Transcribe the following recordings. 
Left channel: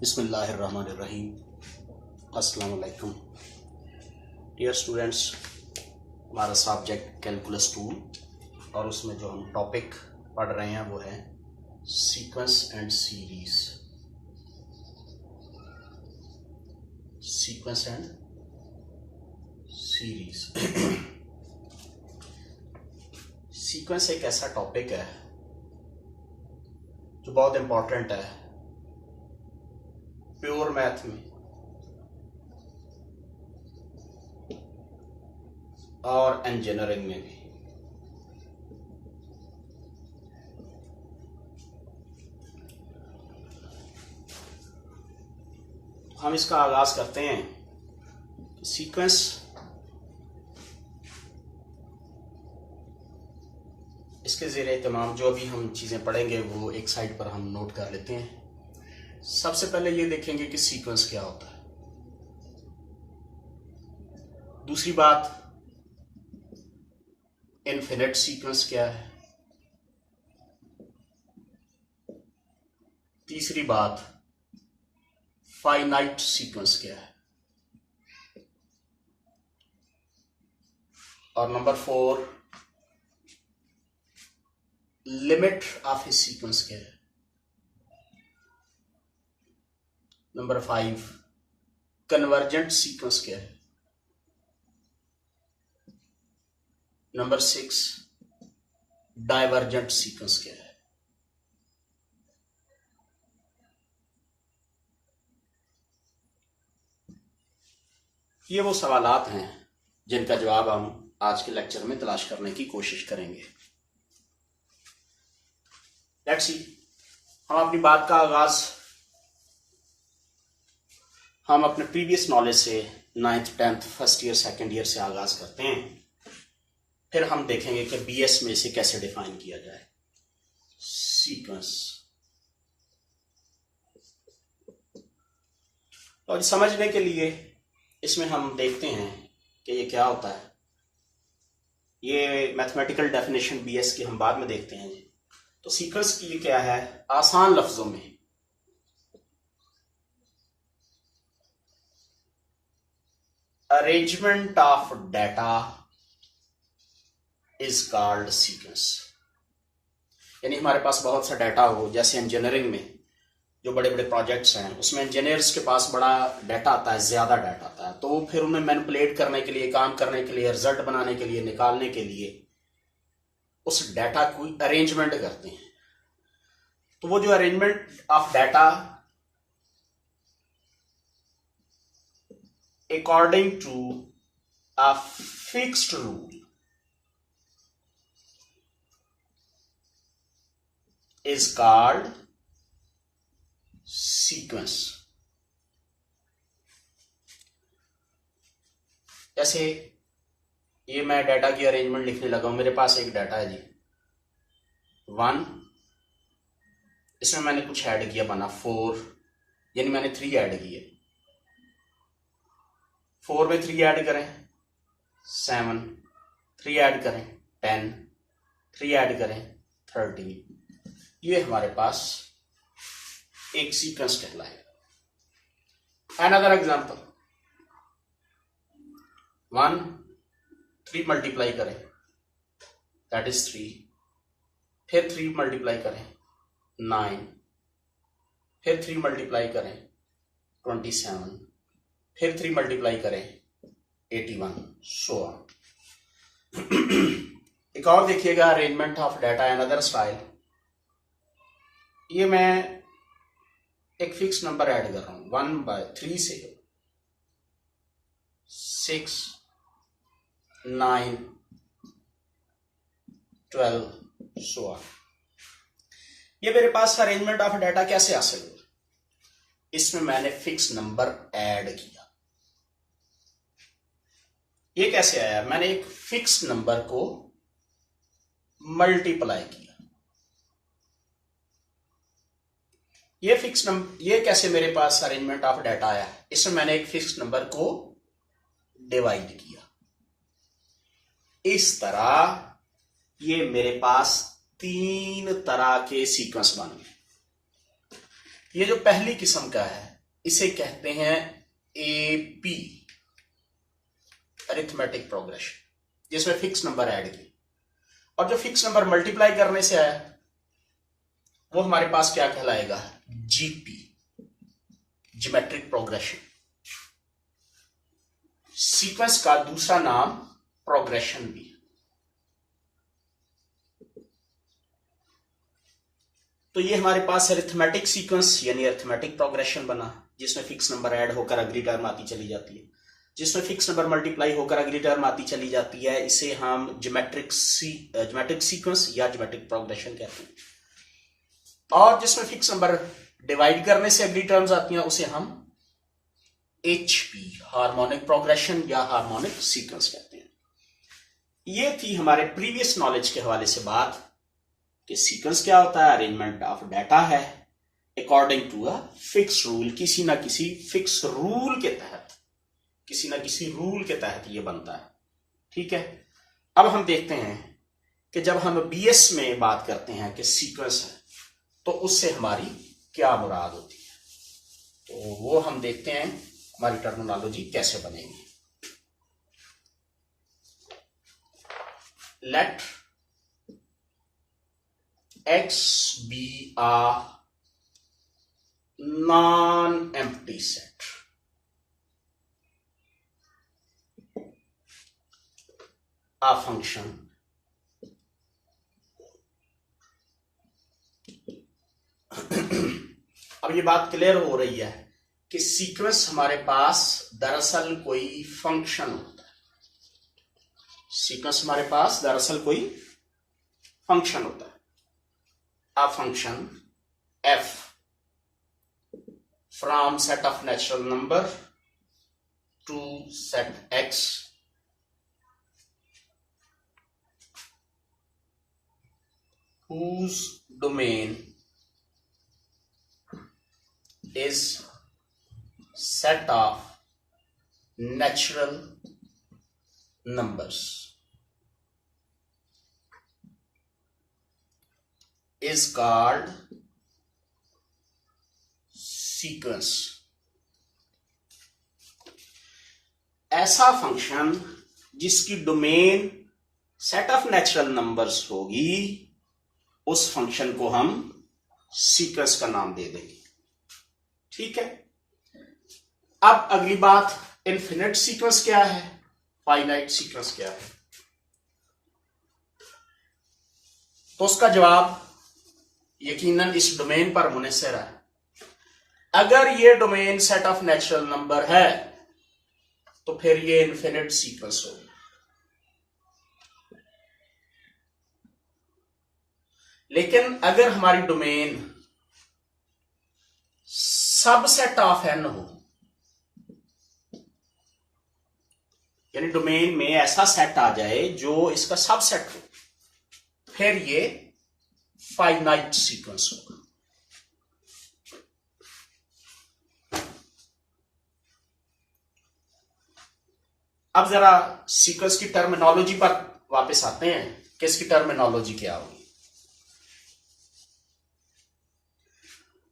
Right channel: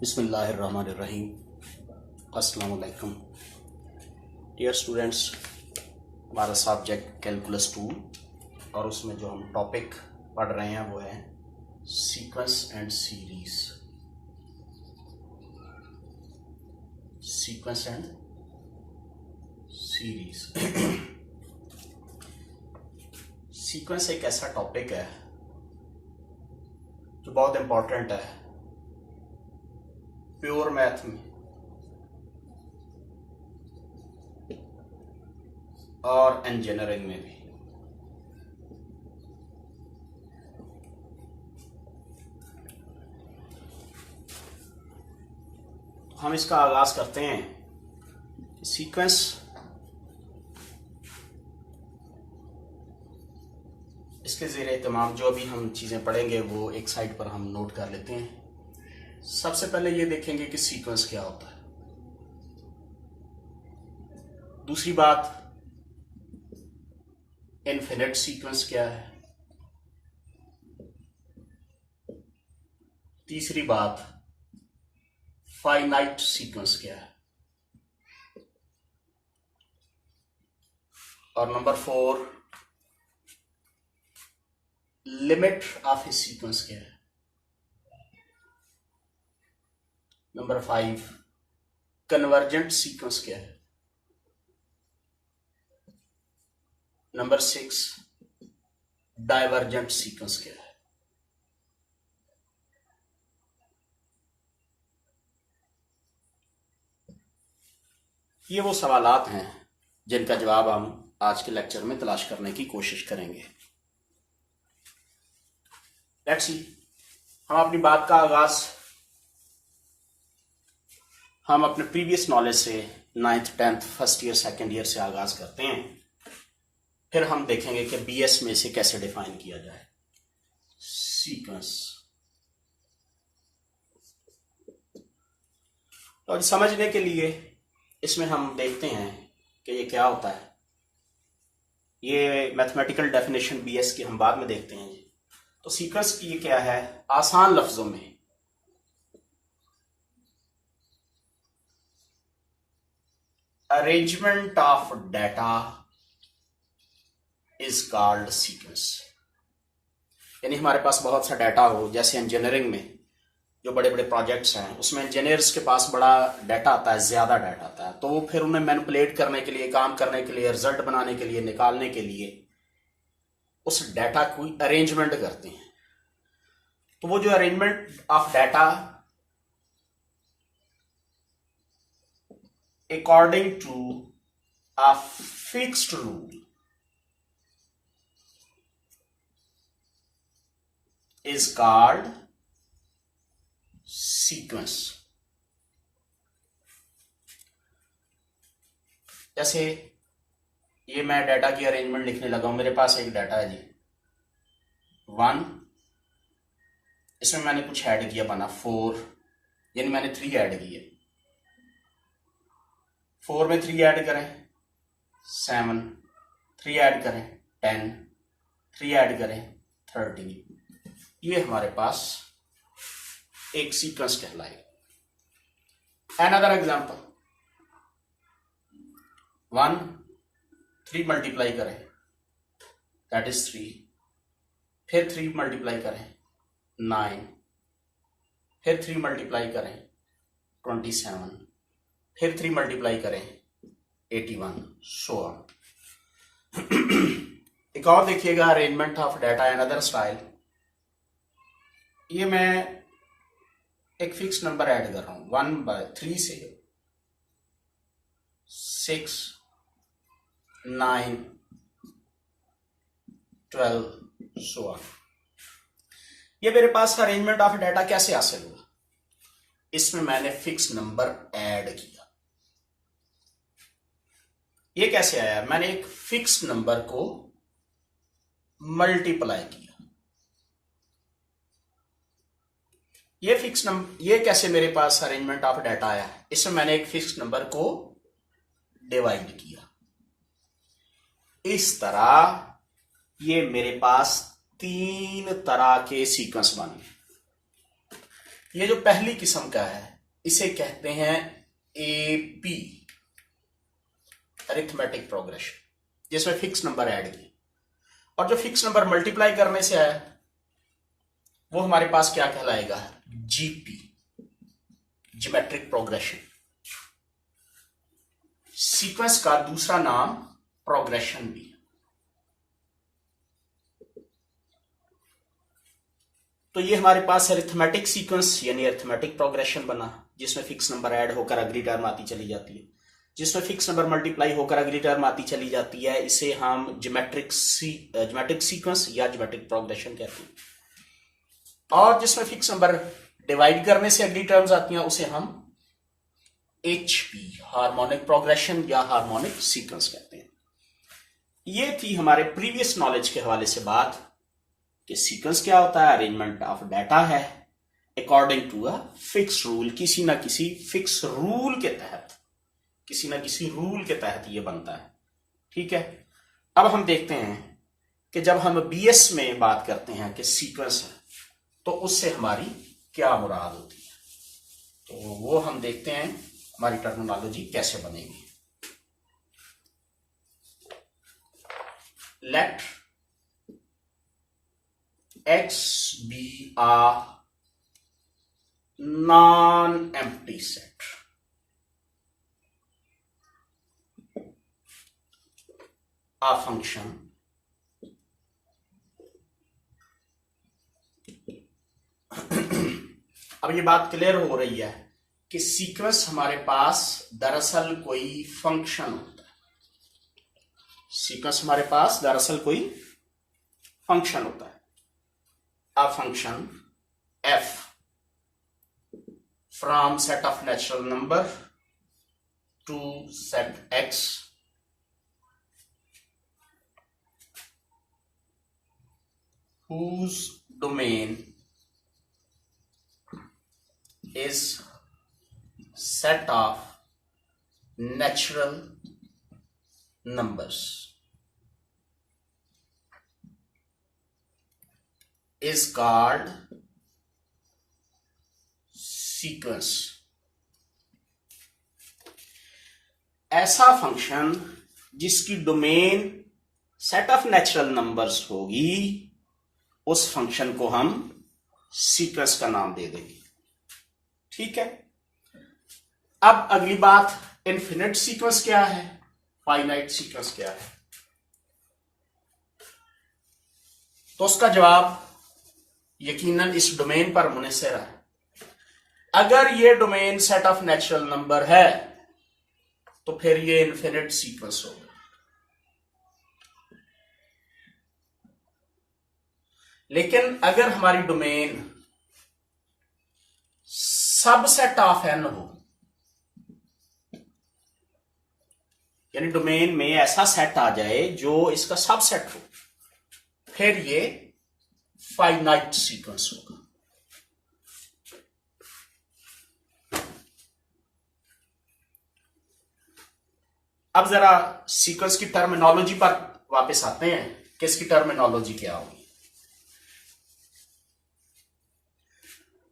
बिस्मिल्लाहिर्रहमानिर्रहीम। अस्सलाम वालेकुम डियर स्टूडेंट्स। हमारा सब्जेक्ट कैलकुलस 2 और उसमें जो हम टॉपिक पढ़ रहे हैं वो है sequence and series. Sequence and series sequence एक ऐसा टॉपिक है जो बहुत इंपॉर्टेंट है प्योर मैथ में और इंजीनियरिंग में भी। हम इसका आगाज करते हैं। सीक्वेंस इसके ज़ेरे तमाम जो भी हम चीज़ें पढ़ेंगे वो एक साइड पर हम नोट कर लेते हैं। सबसे पहले ये देखेंगे कि सीक्वेंस क्या होता है। दूसरी बात, इनफिनिट सीक्वेंस क्या है। तीसरी बात, फाइनाइट सीक्वेंस क्या है। और number 4, limit of A sequence क्या है। नंबर 5, कन्वर्जेंट सीक्वेंस क्या है। नंबर 6, डाइवर्जेंट सीक्वेंस क्या है। ये वो सवालात हैं जिनका जवाब हम आज के लेक्चर में तलाश करने की कोशिश करेंगे। लेट्स सी, हम अपनी बात का आगाज हम अपने प्रीवियस नॉलेज से 9th 10th first year second year से आगाज करते हैं। फिर हम देखेंगे कि बीएस में इसे कैसे डिफाइन किया जाए। सीक्वेंस और समझने के लिए इसमें हम देखते हैं कि ये क्या होता है। ये मैथमेटिकल डेफिनेशन बीएस की हम बाद में देखते हैं। तो सीक्वेंस की ये क्या है, आसान लफ्जों में arrangement of data is called sequence. यानी हमारे पास बहुत सा डाटा हो, जैसे इंजीनियरिंग में जो बड़े बड़े प्रोजेक्ट्स हैं उसमें इंजीनियर्स के पास बड़ा डाटा आता है, ज्यादा डाटा आता है, तो फिर उन्हें मैनिपुलेट करने के लिए, काम करने के लिए, रिजल्ट बनाने के लिए, निकालने के लिए उस डाटा को अरेंजमेंट करते हैं। तो वो जो arrangement of data according to a fixed rule is called sequence। जैसे ये मैं डाटा की अरेंजमेंट लिखने लगा हूं। मेरे पास एक डाटा है जी 1, इसमें मैंने कुछ ऐड किया, बना 4, यानी मैंने 3 ऐड किए। 4 में 3 ऐड करें 7, 3 ऐड करें 10, 3 ऐड करें 13। ये हमारे पास एक सीक्वेंस कहलाएगा। अनदर एग्जांपल, 1, 3 मल्टीप्लाई करें दैट इज 3, फिर 3 मल्टीप्लाई करें 9, फिर 3 मल्टीप्लाई करें 27, फिर 3 मल्टीप्लाई करें 81, सो ऑन। एक और देखिएगा, arrangement of data another style. ये मैं एक फिक्स नंबर ऐड कर रहा हूं 1/3 से 6, 9, 12, सो ऑन। ये मेरे पास अरेंजमेंट ऑफ डाटा कैसे हासिल हुआ। इसमें मैंने फिक्स नंबर ऐड किया। ये कैसे आया, मैंने एक फिक्स नंबर को मल्टीप्लाई किया। ये फिक्स नंबर, ये कैसे मेरे पास अरेंजमेंट ऑफ डाटा आया, इसमें मैंने एक फिक्स नंबर को डिवाइड किया। इस तरह ये मेरे पास 3 तरह के सीक्वेंस बन गए। ये जो पहली किस्म का है इसे कहते हैं एपी, अरिथमेटिक प्रोग्रेशन, जिसमें फिक्स नंबर ऐड किए, और जो फिक्स नंबर मल्टीप्लाई करने से आया वो हमारे पास क्या कहलाएगा, जीपी, ज्योमेट्रिक प्रोग्रेशन। सीक्वेंस का दूसरा नाम प्रोग्रेशन भी। तो ये हमारे पास अरिथमेटिक सीक्वेंस यानी अरिथमेटिक प्रोग्रेशन बना, जिसमें फिक्स नंबर ऐड होकर अगली टर्म आती चली जाती है, जिसमें फिक्स नंबर मल्टीप्लाई होकर अगली टर्म आती चली जाती है। इसे हम ज्योमेट्रिक सीक्वेंस या ज्योमेट्रिक प्रोग्रेशन कहते हैं। और जिसमें फिक्स नंबर डिवाइड करने से अगली टर्म्स आती हैं उसे हम HP, हार्मोनिक प्रोग्रेशन या हार्मोनिक सीक्वेंस कहते हैं। ये थी हमारे प्रीवियस नॉलेज के हवाले से बात कि सीक्वेंस क्या होता है, अरेंजमेंट ऑफ डाटा है according to a fix rule, किसी ना किसी फिक्स रूल के तहत, किसी ना किसी रूल के तहत ये बनता है। ठीक है, अब हम देखते हैं कि जब हम BS में बात करते हैं कि सीक्वेंस है तो उससे हमारी क्या मुराद होती है, तो वो हम देखते हैं हमारी टर्मिनोलॉजी कैसे बनेगी। Let X be a non-empty set. A function अब ये बात क्लियर हो रही है कि सीक्वेंस हमारे पास दरअसल कोई फंक्शन होता है। सीक्वेंस हमारे पास दरअसल कोई फंक्शन होता है। A function f from set of natural number to set X whose domain is set of natural numbers is called sequence। ऐसा फंक्शन जिसकी domain set of natural numbers होगी उस फंक्शन को हम सीक्वेंस का नाम दे देंगे। ठीक है, अब अगली बात, इनफिनिट सीक्वेंस क्या है, फाइनाइट सीक्वेंस क्या है, तो उसका जवाब यकीनन इस डोमेन पर मुनहसर है। अगर ये domain set of natural number है तो फिर ये इनफिनिट सीक्वेंस होगा। लेकिन अगर हमारी डोमेन सबसेट ऑफ n हो, यानी डोमेन में ऐसा सेट आ जाए जो इसका सबसेट हो, फिर ये फाइनाइट सीक्वेंस होगा। अब जरा सीक्वेंस की टर्मिनोलॉजी पर वापस आते हैं कि इसकी टर्मिनोलॉजी क्या होगी।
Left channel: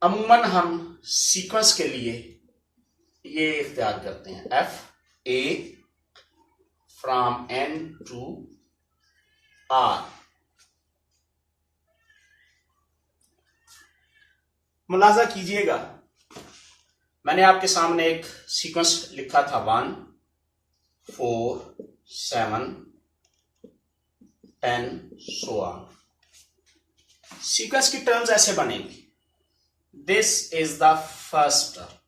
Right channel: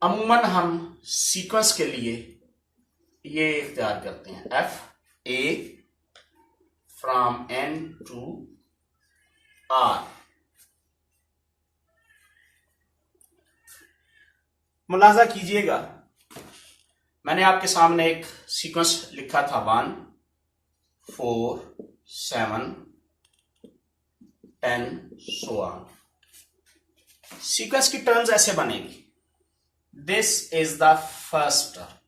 अमूमन हम सीक्वेंस के लिए ये इख्तियार करते हैं F A from N to R। मुलाजा कीजिएगा, मैंने आपके सामने एक सीक्वेंस लिखा था 1 4 7 10 so on। सीक्वेंस की टर्म्स ऐसे बनेगी, this is the first term,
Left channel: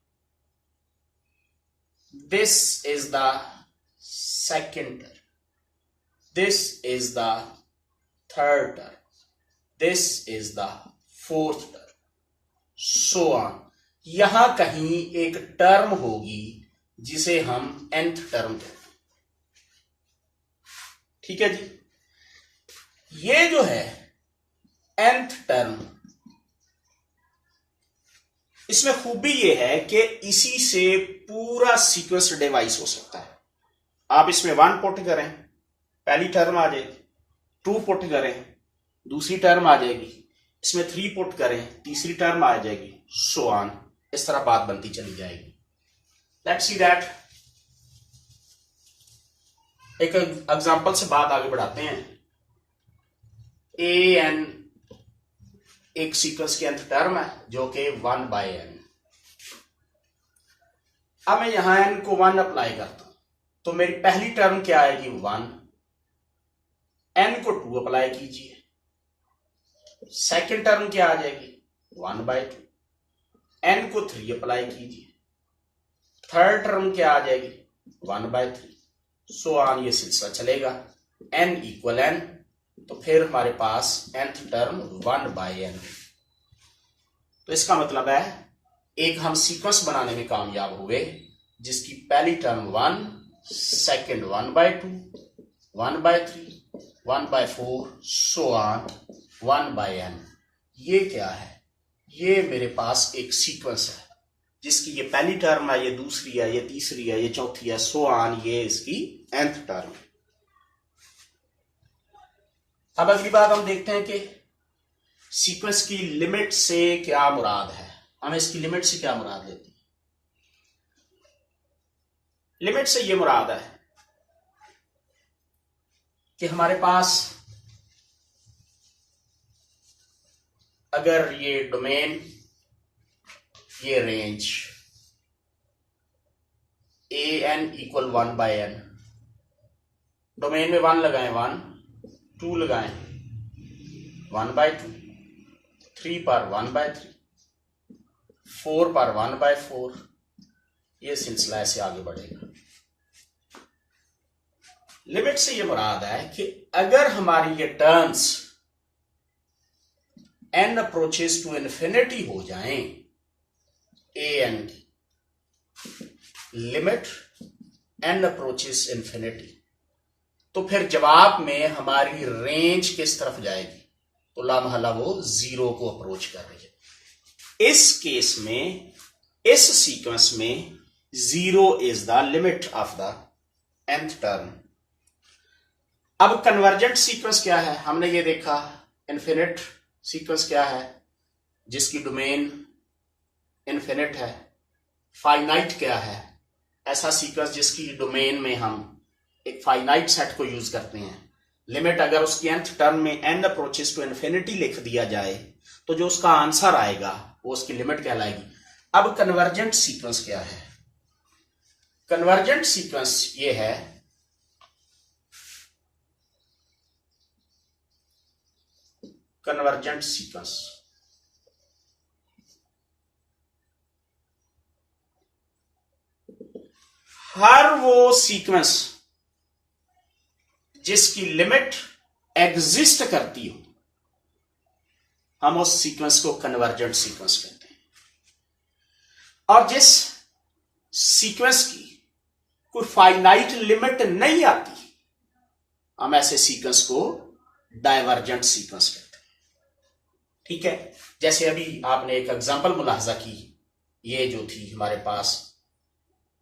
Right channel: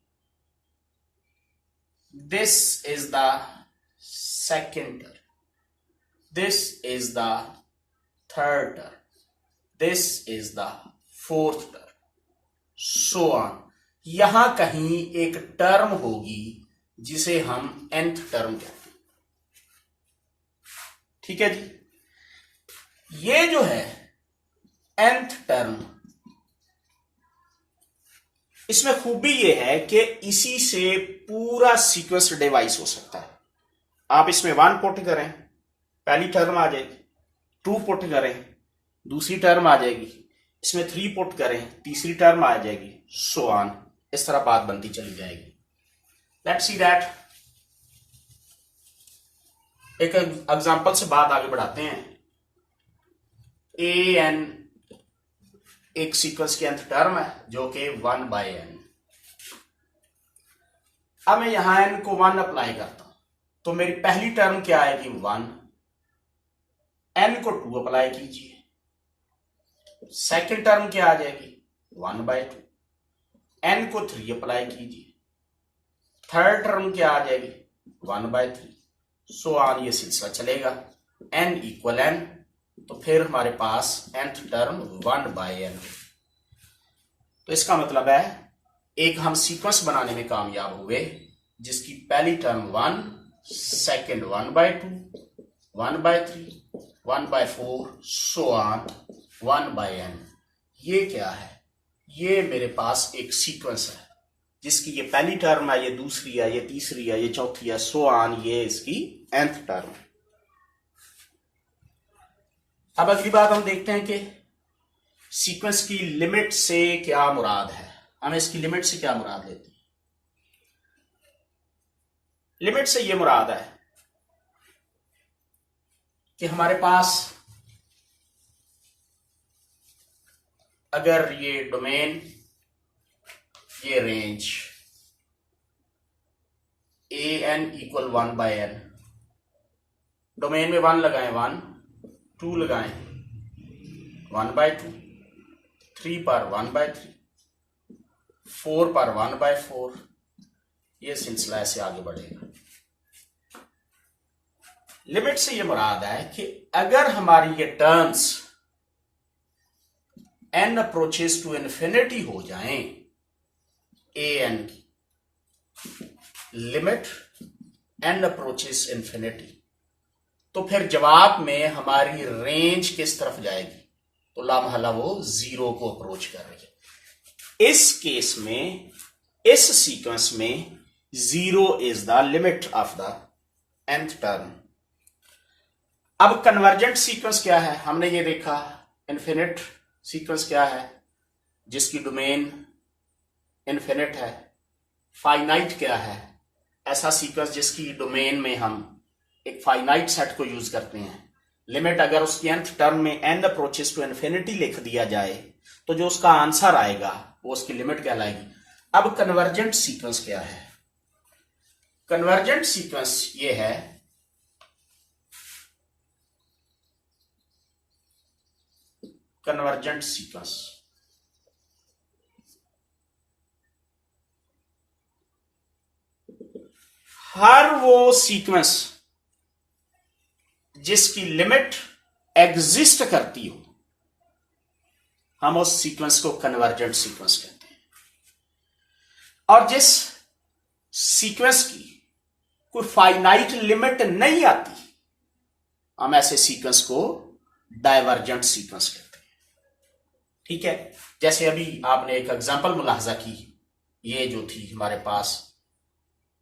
this is the second term, this is the third term, this is the fourth term, so on. यहां कहीं एक टर्म होगी जिसे हम nth टर्म कहते हैं। ठीक है जी, ये जो है nth टर्म, इसमें खूबी ये है कि इसी से पूरा सीक्वेंस डिवाइस हो सकता है। आप इसमें 1 पुट करें, पहली टर्म आ जाएगी, 2 पुट करें, दूसरी टर्म आ जाएगी, इसमें 3 पुट करें, तीसरी टर्म आ जाएगी, सो ऑन, इस तरह बात बनती चली जाएगी। लेट्स सी दैट, एक एग्जांपल से बात आगे बढ़ाते हैं। ए एन एक सीक्वेंस की nth टर्म है जो कि 1/n। अब मैं यहां n को 1 अप्लाई करता हूं तो मेरी पहली टर्म क्या आएगी 1, n को 2 अप्लाई कीजिए, सेकंड टर्म क्या आ जाएगी 1/2, n को 3 अप्लाई कीजिए, थर्ड टर्म क्या आ जाएगी 1/3, सो ऑन, ये सिलसिला चलेगा n इक्वल n। तो फिर हमारे पास nth टर्म 1/n। तो इसका मतलब है एक हम सीक्वेंस बनाने में कामयाब हुए जिसकी पहली term 1, second 1/2, 1/3, 1/4, so on 1/n। ये क्या है? ये मेरे पास एक सीक्वेंस है जिसकी ये पहली टर्म है, ये दूसरी है, ये तीसरी है, ये चौथी है, सो ऑन, ये इसकी nth टर्म है। अब अगली बात हम देखते हैं कि सीक्वेंस की लिमिट से क्या मुराद है। हमें इसकी लिमिट से क्या मुराद लेती है? लिमिट से ये मुराद है कि हमारे पास अगर ये डोमेन, ये range A N equal 1/n, domain में 1 लगाएं 1, 2 लगाएं 1/2, 3 पर 1/3, 4 पर 1/4, ये सिलसिला ऐसे आगे बढ़ेगा। लिमिट से ये मुराद है कि अगर हमारी ये terms n approaches to infinity हो जाएं, ए एन की लिमिट n अप्रोचेस इन्फिनिटी, तो फिर जवाब में हमारी रेंज किस तरफ जाएगी? तो लामहला वो 0 को अप्रोच कर रही है। इस केस में, इस सीक्वेंस में 0 is the limit of the nth term. अब कन्वर्जेंट सीक्वेंस क्या है? हमने ये देखा। इन्फिनिट सीक्वेंस क्या है? जिसकी डोमेन इन्फिनिट है। फाइनाइट क्या है? ऐसा सीक्वेंस जिसकी डोमेन में हम एक फाइनाइट सेट को यूज करते हैं। लिमिट अगर उसकी nth टर्म में n अप्रोचेस टू इन्फिनिटी लिख दिया जाए तो जो उसका आंसर आएगा वो उसकी लिमिट कहलाएगी। अब कन्वर्जेंट सीक्वेंस क्या है? कन्वर्जेंट सीक्वेंस ये है कन्वर्जेंट सीक्वेंस हर वो सीक्वेंस जिसकी लिमिट एग्जिस्ट करती हो, हम उस सीक्वेंस को कन्वर्जेंट सीक्वेंस कहते हैं। और जिस सीक्वेंस की कोई फाइनाइट लिमिट नहीं आती, हम ऐसे सीक्वेंस को डाइवर्जेंट सीक्वेंस कहते हैं। ठीक है, जैसे अभी आपने एक एग्जांपल मुलाहजा की, ये जो थी हमारे पास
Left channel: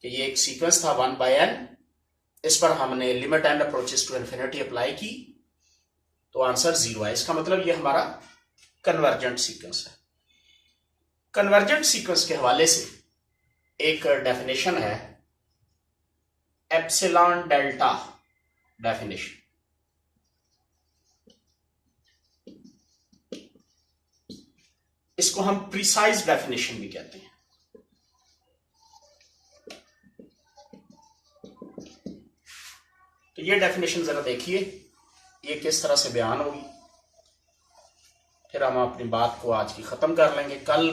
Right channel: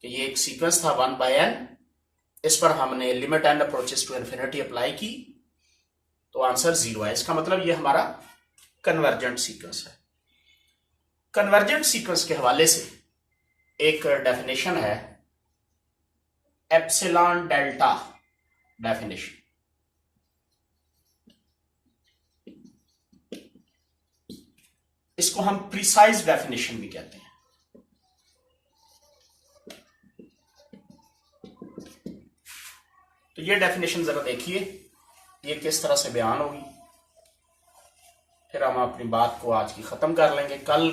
कि ये एक सीक्वेंस था 1/n, इस पर हमने limit n approaches to infinity apply की तो आंसर 0 है। इसका मतलब ये हमारा कन्वर्जेंट सीक्वेंस है। कन्वर्जेंट सीक्वेंस के हवाले से एक डेफिनेशन है, एप्सिलॉन डेल्टा डेफिनेशन। इसको हम प्रिसाइज डेफिनेशन भी कहते हैं। तो ये डेफिनेशन जरा देखिए, ये किस तरह से बयान होगी, फिर हम अपनी बात को आज की खत्म कर लेंगे। कल